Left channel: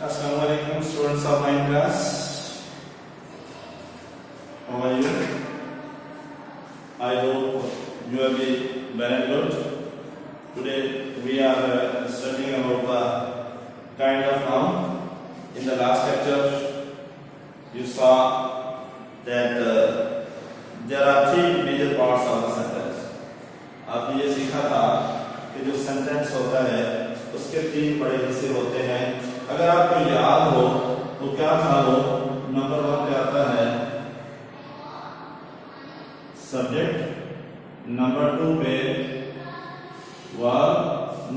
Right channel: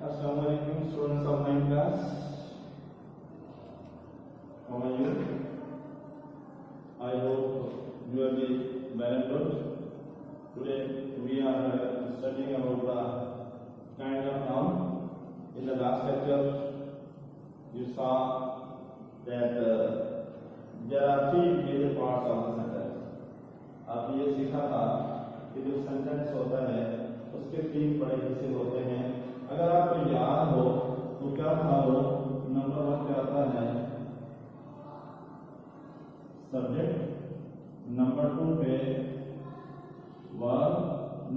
Assalamualaikum students of 9th class. How are you? I hope you will be very good. Today we are studying about the kind of noun. In the last lecture you saw that there are three major parts of the sentence. आपने ये सीखा था कि जो sentence होता है उसके तीन बड़े हिस्से होते हैं. अगर आपको याद हो तो क्या था वो, नंबर 1 पे आता है सब्जेक्ट, नंबर 2 पे वर्ब,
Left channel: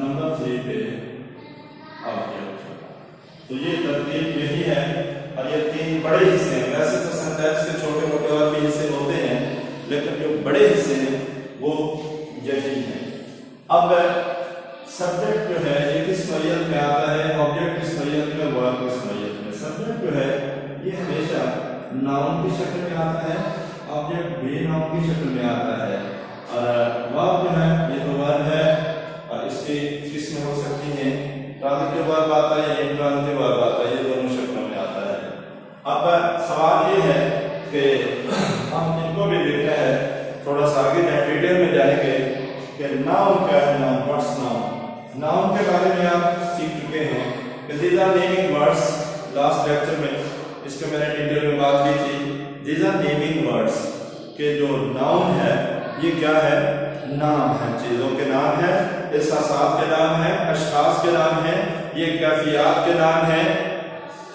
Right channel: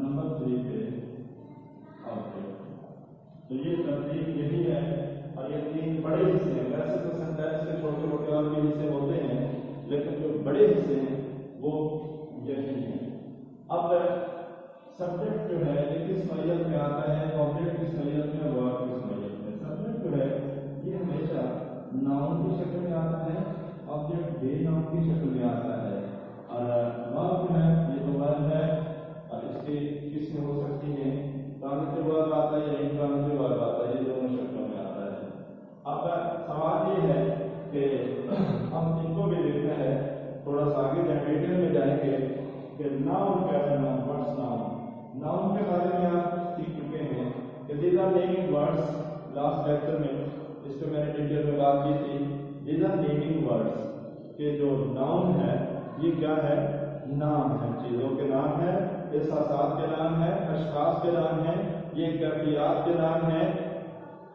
नंबर 3 पे ऑब्जेक्ट. तो ये तरतीब यही है और ये तीन बड़े हिस्से हैं. वैसे तो सेंटेंस के छोटे मोटे और भी हिस्से होते हैं, लेकिन जो बड़े हिस्से हैं वो यही है. अब सब्जेक्ट जो है ये किस नौयत में आता है, ऑब्जेक्ट किस नौयत में, वर्ब किस नौयत में. सब्जेक्ट जो है ये हमेशा नाउन की शक्ल में आता है, ऑब्जेक्ट भी नाउन की शक्ल में आता है, और वर्ब जो है ये तो वर्ब है और इसकी किस्में हो सकती हैं. ट्रांजिटिव वर्ब आता है, इंट्रांजिटिव वर्ब आता है, ये दोनों शक्लों में आता है. अब सवाल ये है कि हम इनको भी देखना है, थोड़ा सा आगे डिटेल में जाएंगे कि नाउन क्या है. Noun, what's noun. नाउन के बारे में आप सीख चुके हैं कि these are naming words. Last lecture में इसके मैंने डिटेल में बात की थी. दीज आर नेमिंग वर्ड्स के जो नाउन है ये क्या है, नाम है, चीजों के नाम है, एहसासात के नाम है, अशखास के नाम है, ये कैफियत के नाम है.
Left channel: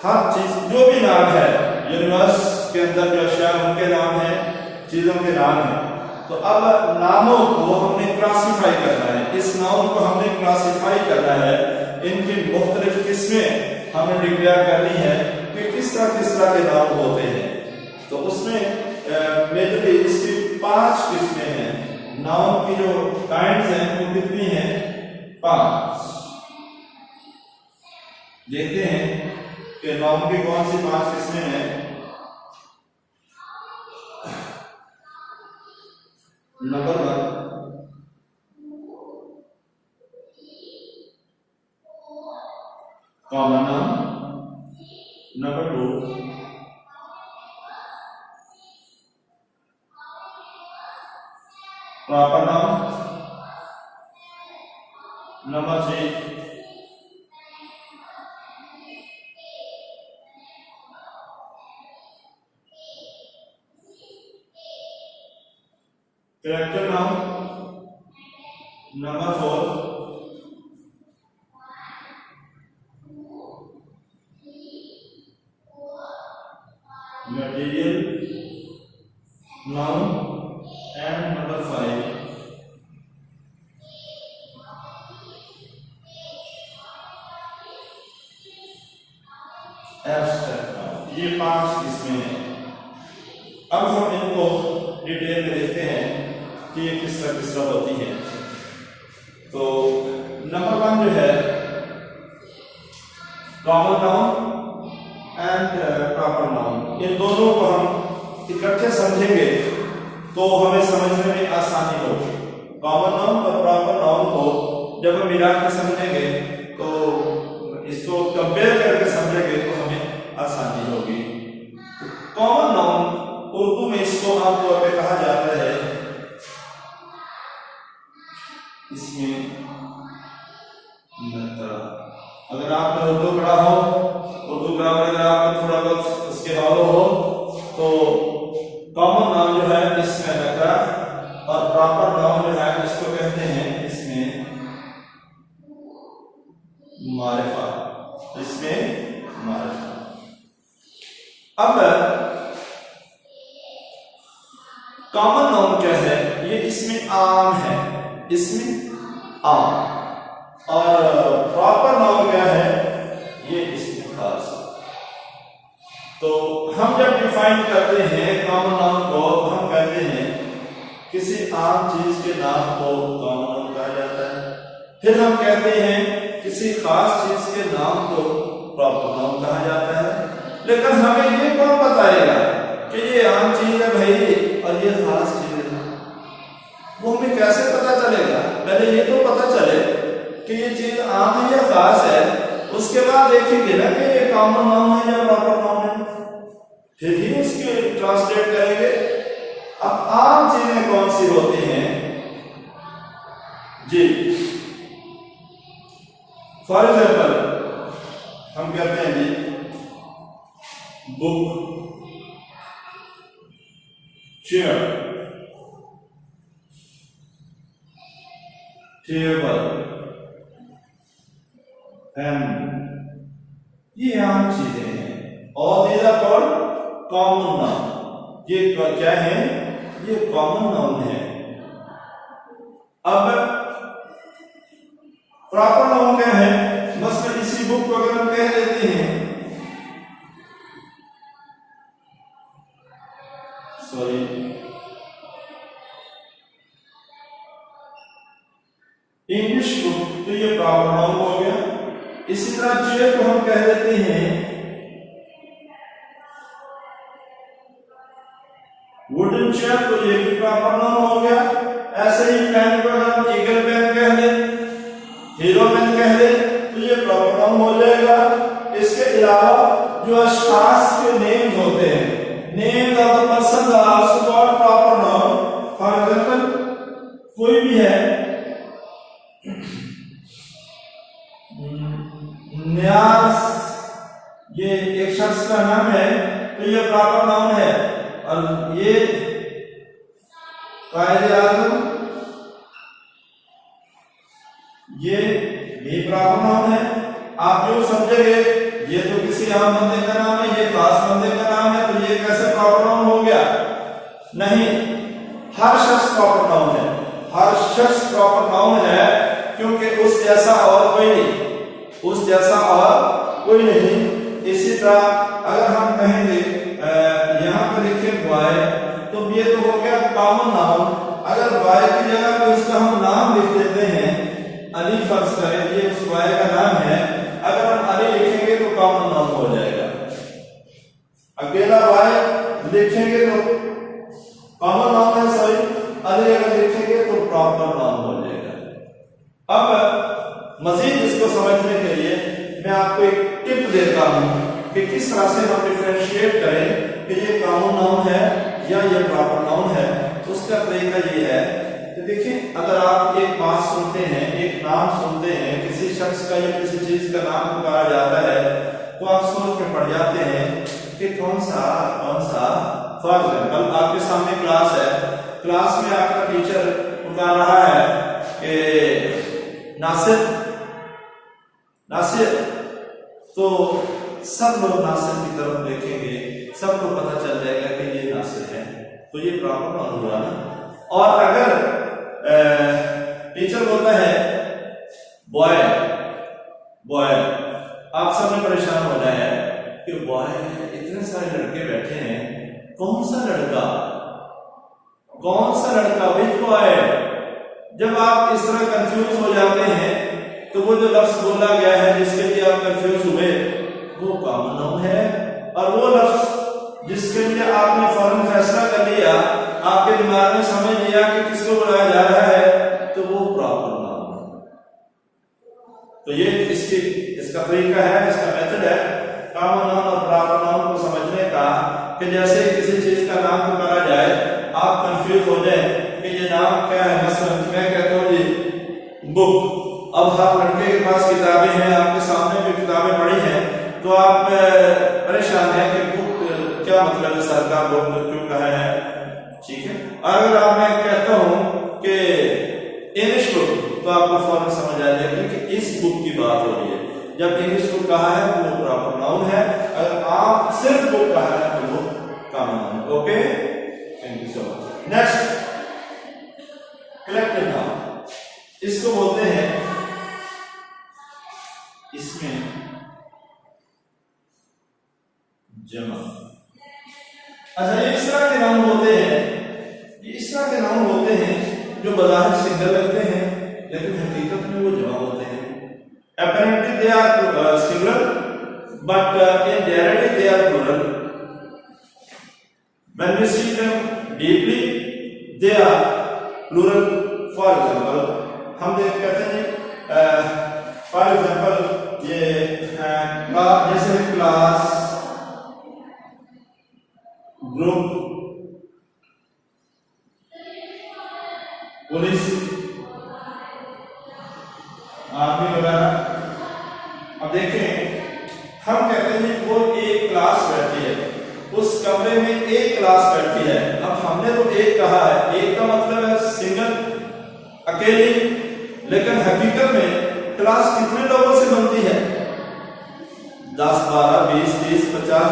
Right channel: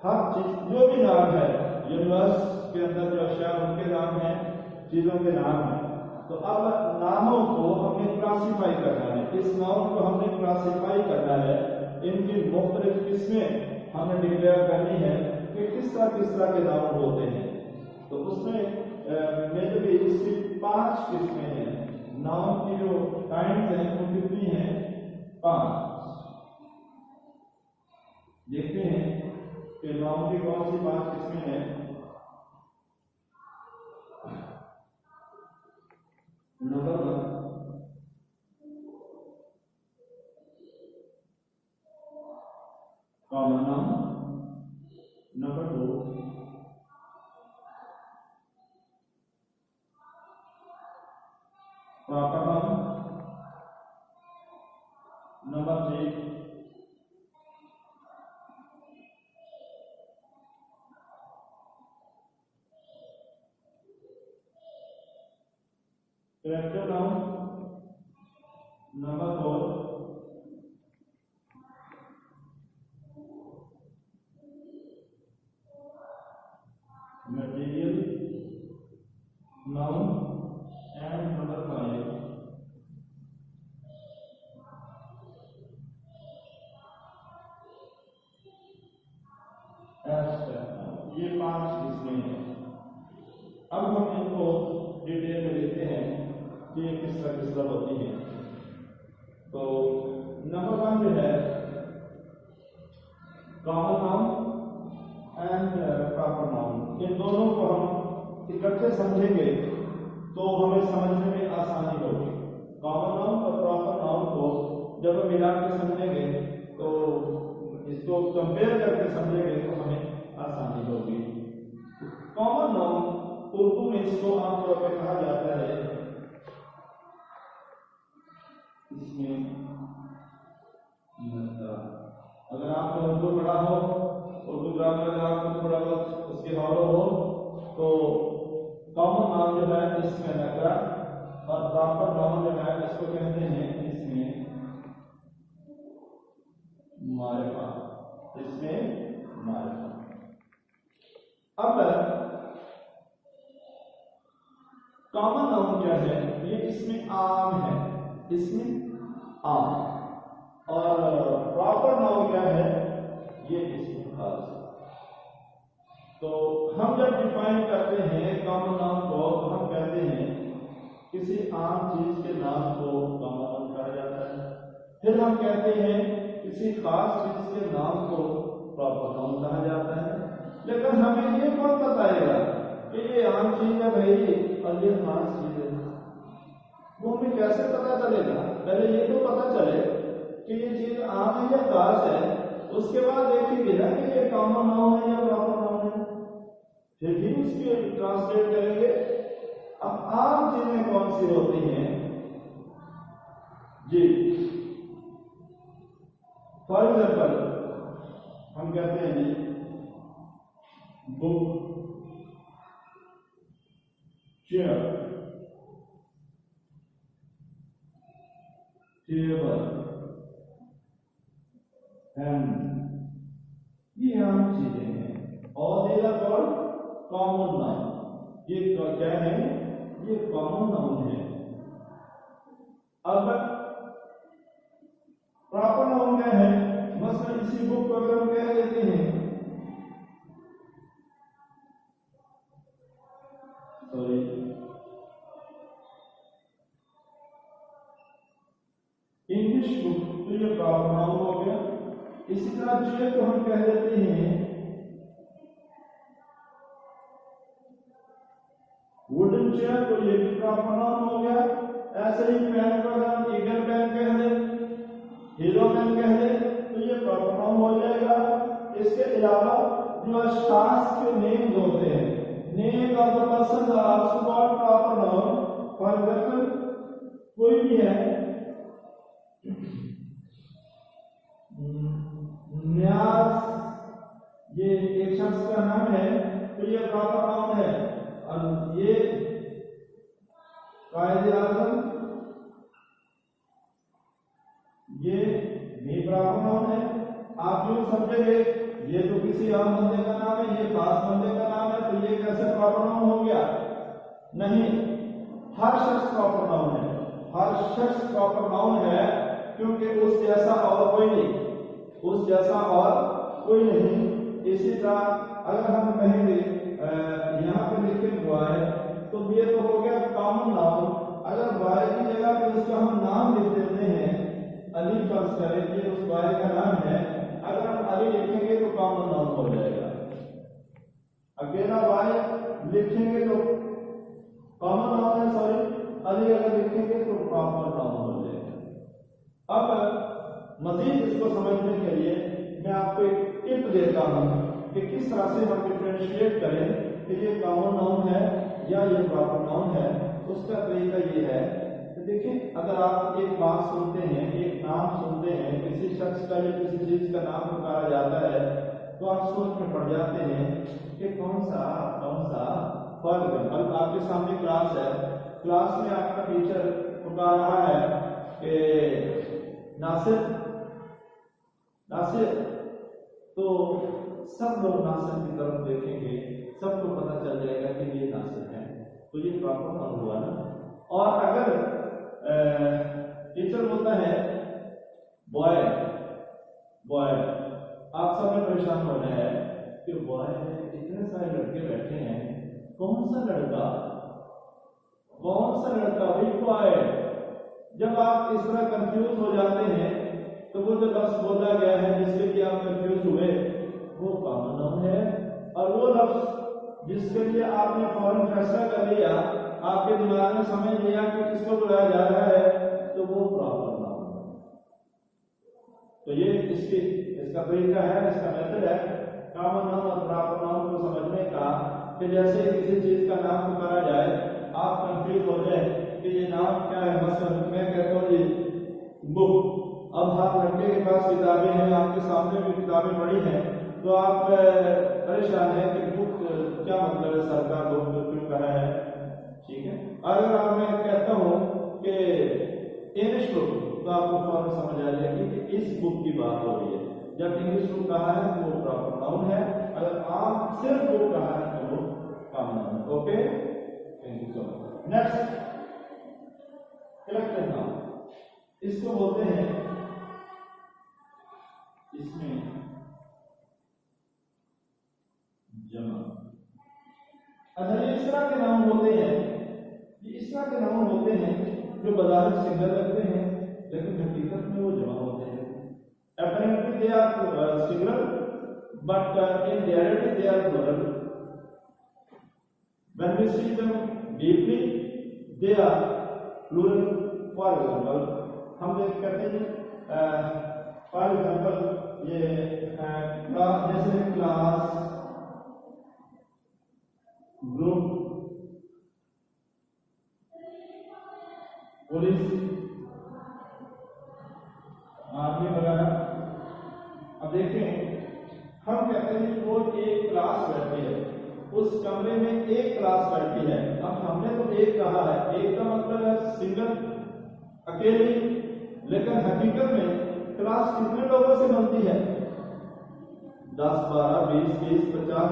हर चीज जो भी नाम है, यूनिवर्स के अंदर जो अशिया उनके नाम है, चीजों के नाम है. तो अब नामों को हमने क्लासिफाई करना है, इस नाउन को हमने क्लासिफाई करना है, इनकी मुख्तलिफ किस्में हमने डिक्लेयर करनी है कि किस तरह के नाम होते हैं. तो उसमें मेजरली इसकी 5 किस्में हैं. नाउन की जो काइंड्स हैं वो कितनी हैं, 5. देखते हैं कि नाउन की कौन सी 5 किस्में हैं. Number 1 common noun, number 2 proper noun, number 3 character noun, number 4 material noun, and number 5 abstract noun. ये 5 किस्में हैं. अब हम इनको डिटेल में देखते हैं कि ये किस तरह होती है. तो नंबर 1 जो है common noun and proper noun, इन दोनों को हम इकट्ठे समझेंगे तो हमें समझने में आसानी होगी. कॉमन नाउन और प्रॉपर नाउन को जब हम मिला के समझेंगे तो इसको कंपेयर करके समझेंगे तो हमें आसानी होगी. कॉमन नाउन उर्दू में इसको आमतौर पर कहा जाता है, इसमें अगर आपने उर्दू पढ़ा हो, उर्दू ग्रामर अगर आपको थोड़ा बहुत उसके हवाले हो, तो कॉमन नाउन जो है इसमें नकरा और प्रॉपर नाउन जो है इसको कहते हैं इसमें मारिफा. इसमें मारिफा. अब कॉमन नाउन क्या है, ये इसमें आम है, इसमें आम. और प्रॉपर नाउन क्या है, ये इसमें खास. तो हम जब डिफाइन करते हैं कॉमन नाउन को तो हम कहते हैं किसी आम चीज के नाम को कॉमन नाउन कहा जाता है. फिर हम कहते हैं किसी खास चीज के नाम को प्रॉपर नाउन कहा जाता है. लेकिन हमें ये कौन बताएगा कि ये आम चीज है भाई और ये खास चीज है, वो हमें कैसे पता चलेगा. पहले ये तो पता चले कि ये चीज आम है या खास है, उसके बाद देखेंगे ना कि ये कॉमन नाउन है या प्रॉपर नाउन है, फिर ही उसके ट्रांसलेट करेंगे। अब आम चीजें कौन सी होती हैं जी? फॉर एग्जाम्पल हम कहते हैं जी बुक, चेयर, टेबल, पेन, ये आम चीजें हैं और these are called common noun. ये क्या है? ये कॉमन नाउन है। अब प्रॉपर नाउन क्या है? बस में इसी बुक को अगर हम कह देते हैं, सॉरी इंग्लिश बुक, तो ये प्रॉपर नाउन हो गया। इसी तरह चेयर को हम कह देते हैं वुडन चेयर, तो ये भी प्रॉपर नाउन हो गया। ऐसे ही पेन को हम ईगल पेन कह दें, हीरो पेन कह दें, तो ये प्रॉपर नाउन हो जाएगा। इसके अलावा जो अशखास के नेम्स होते हैं, names of the person are also called proper noun. For example कोई भी है, न्यास, ये एक शख्स का नाम है, तो ये प्रॉपर नाउन है। और ये कायदे आज़म, ये भी प्रॉपर नाउन है। आप यूं समझेंगे ये तो किसी आम बंदे का नाम है, ये खास बंदे का नाम है, तो ये कैसे प्रॉपर नाउन हो गया? नहीं, हर शख्स प्रॉपर नाउन है, हर शख्स प्रॉपर नाउन है, क्योंकि उस जैसा और कोई नहीं, उस जैसा और कोई नहीं। इसी तरह अगर हम कहेंगे यहाँ पर लिखे बॉय, तो ये तो हो गया कॉमन नाउन। अगर बॉय की जगह पे उसका हम नाम लिख देते हैं, अली फर्ज करें, ये उस बॉय का नाम है, अगर हम अली लिखेंगे तो कॉमन नाउन हो जाएगा। अकेला बॉय लिखेंगे तो कॉमन नाउन है, सॉरी, अली अगर लिखेंगे तो प्रॉपर नाउन हो जाएगा। अब मजीद इसको समझने के लिए मैं आपको एक टिप देता हूं कि किस तरह से हम डिफरेंशिएट करें कि ये कॉमन नाउन है या ये प्रॉपर नाउन है। तो उसका तरीका ये है कि देखिए, अगर आप एक बात सुनते हैं, एक नाम सुनते हैं, किसी शख्स का या किसी चीज का नाम पुकारा जाता है, तो आप सोच में पड़ जाते हैं कि कौन सा। फॉर एग्जाम्पल आपके सामने क्लास है, क्लास में आपका टीचर पुकार रहा है कि नासिर, नासिर, तो सब लोग नासिर की तरफ देखेंगे, सबको पता चल जाएगा कि ये नासिर है, तो ये प्रॉपर नाउन हुआ ना। और अगर टीचर बोलता है बॉय, बॉय, आप सब ने परेशान हो जाए कि बॉय, इतने सारे लड़के बैठे हैं, कौन सा लड़का, विच बॉय। जब आप इस तरह कंफ्यूज हो जाते हैं, तो वो जो लफ्ज बोला गया है जिसके लिए आप कंफ्यूज हुए, वो कॉमन नाउन है। और वो लफ्ज जिसके लिए आपने फौरन फैसला कर लिया, आपके दिमाग में समझ लिया कि किसको बुलाया जा रहा है, तो वो प्रॉपर नाउन है। तो ये इसका तरीका है, इसका मेथड है कॉमन नाउन और प्रॉपर नाउन को समझने का, कि जैसे किसी चीज का नाम पुकारा जाए, आप कंफ्यूज हो जाए कि ये नाम क्या है। मसलन मैं कहता हूँ जी बुक, अब हर लड़के के पास किताबें हैं, आपके सामने भी किताबें पड़ी हैं, तो आप परेशान हैं कि बुक क्या मतलब है, सरकार बुक क्यों कहा है, ठीक है। अगर आप मैं कहता हूं कि इंग्लिश बुक, तो आपको फौरन समझ आ जाएगा कि इस बुक की बात हो रही है। जब इंग्लिश बुक कहा है तो वो प्रॉपर नाउन है, अगर आप सिर्फ बुक कहा है तो वो common noun. Okay, thank you so much. Next, collective noun, इसको बोलते हैं, इसमें जमा। अच्छा, ये इस तरह के नाउन होते हैं, ये इस तरह के नाउन होते हैं जो बाजार सिंगल लगते हैं, लेकिन हकीकत में वो जमा होते हैं। Apparently they are singular, but in reality they are plural. When we see them deeply, they are plural. For example, हम देख कहते हैं जी, for example ये आर्मी वगैरह। अब देखें, हम कहते हैं वो एक क्लास बैठी है, उस कमरे में एक क्लास बैठी है। अब हमने तो एक कहा है, एक का मतलब है सिंगल, अकेली, लेकिन हकीकत में क्लास कितने लोगों से बनती है? 10, 12, 20, 30, 50,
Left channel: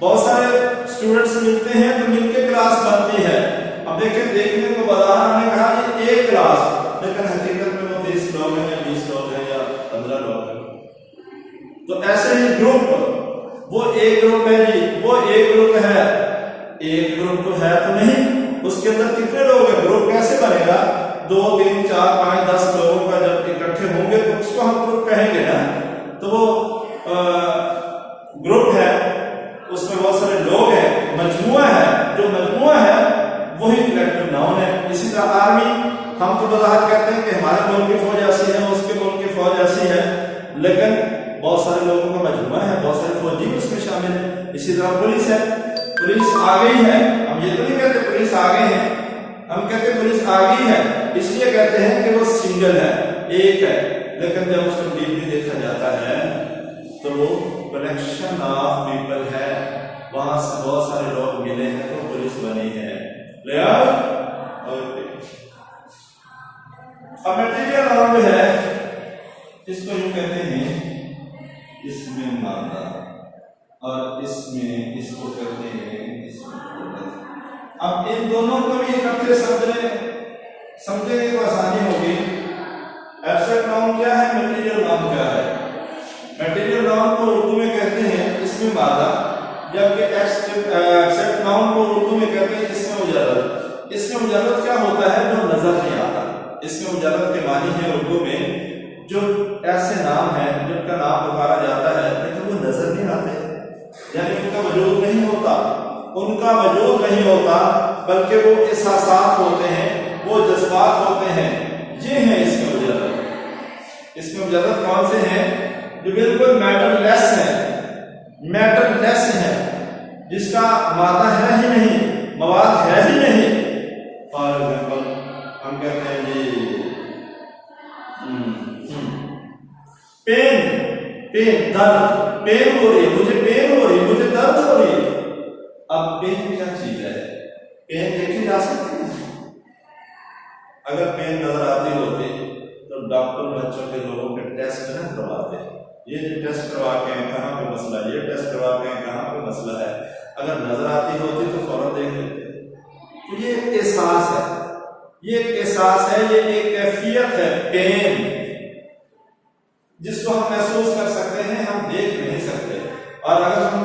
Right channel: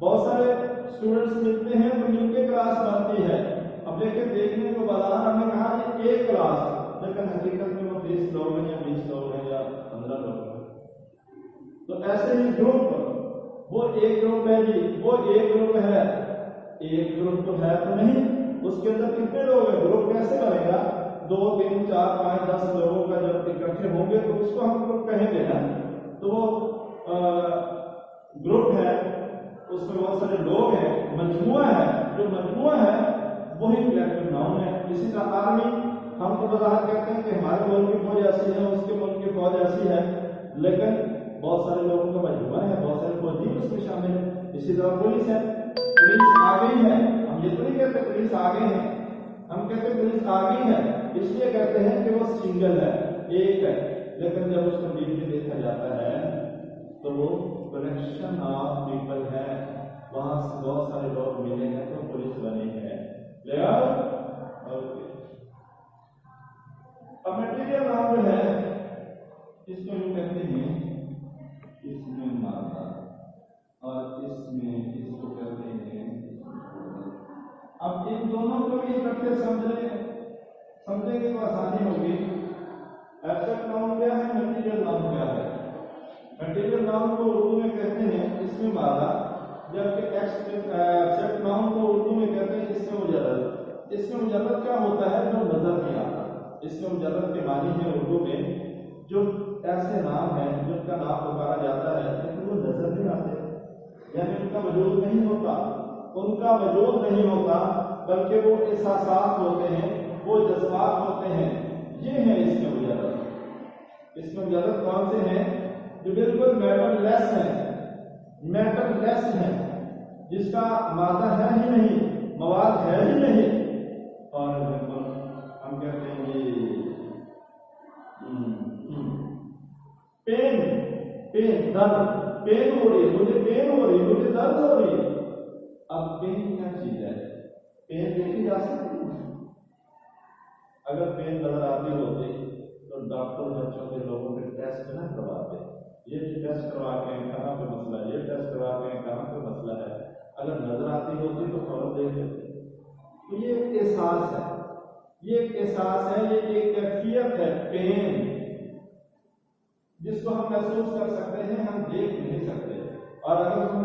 बहुत सारे स्टूडेंट्स मिलते हैं तो मिलके क्लास बनती है। अब देखें, देखने को बाजार हमने कहा ये एक क्लास, लेकिन हकीकत में वो 30 लोग हैं या 20 लोग हैं या 15 लोग हैं। तो ऐसे ही ग्रुप, वो एक ग्रुप है जी, वो एक ग्रुप है, एक ग्रुप तो है तो नहीं, उसके अंदर कितने लोग हैं? ग्रुप कैसे बनेगा? 2, 3, 4, 5, 10 लोगों का जब इकट्ठे होंगे तो उसको हम ग्रुप कहेंगे ना। तो वो ग्रुप है, उसमें बहुत सारे लोग हैं, मजमुआ है, जो मजमुआ है वही कलेक्टिव नाउन है। इसी तरह आर्मी, हम तो बाजार कहते हैं कि हमारे मुल्क की फौज ऐसी है, उसके मुल्क की फौज ऐसी है, लेकिन बहुत सारे लोगों का मजमुआ है, बहुत सारे फौजी उसमें शामिल है। इसी तरह पुलिस है, पुलिस आ गई है, हम ये तो नहीं कहते पुलिस आ गए हैं, हम कहते पुलिस आ गई है, इसलिए कहते हैं कि वो सिंगल है, एक है। लेकिन जब उसको डीपली देखा जाता है तो वो कलेक्शन ऑफ पीपल है, वहां से बहुत सारे लोग मिले हैं तो पुलिस बनी है। अब मटेरियल नाउन है, इसको यूं कहते हैं इसमें मादा, और इसमें इसको कहते हैं इसमें। अब इन दोनों को भी इकट्ठे समझने को आसानी होगी। एब्स्ट्रैक्ट नाउन क्या है, मटेरियल नाउन क्या है? मटेरियल नाउन को उर्दू में कहते हैं इसमें मादा, जबकि एब्स्ट्रैक्ट नाउन को उर्दू में कहते हैं इसमें मुजर्रद। इसमें मुजर्रद क्या होता है? जो नजर नहीं आता। इसमें मुजर्रद के मानी है उर्दू में जो ऐसे नाम है जिनका नाम पुकारा जाता है लेकिन वो नजर नहीं आते, यानी उनका वजूद नहीं होता, उनका वजूद नहीं होता, बल्कि वो एहसासात होते हैं, वो जज्बात होते हैं। ये हैं इसमें मुजर्रद। इसमें मुजर्रद कौन से हैं? जो बिल्कुल मैटरलेस है, मैटरलेस है, जिसका मादा है ही नहीं, मवाद है ही नहीं। फॉर एग्जाम्पल हम कहते हैं जी पेन, पेन दर्द, पेन हो रही है मुझे, पेन हो रही है मुझे, दर्द हो रही है। अब पेन क्या चीज है? पेन देखी जा सकती है? अगर पेन नजर आती होती तो डॉक्टर बच्चों के लोगों के टेस्ट न करवाते, ये जो टेस्ट करवा के कहाँ पे मसला, ये टेस्ट करवा के कहाँ पे मसला है। अगर नजर आती होती तो फौरन देख लेते। तो ये एक एहसास है, ये एक एहसास है, ये एक कैफियत है, पेन, जिसको हम महसूस कर सकते हैं, हम देख नहीं सकते। और अगर हम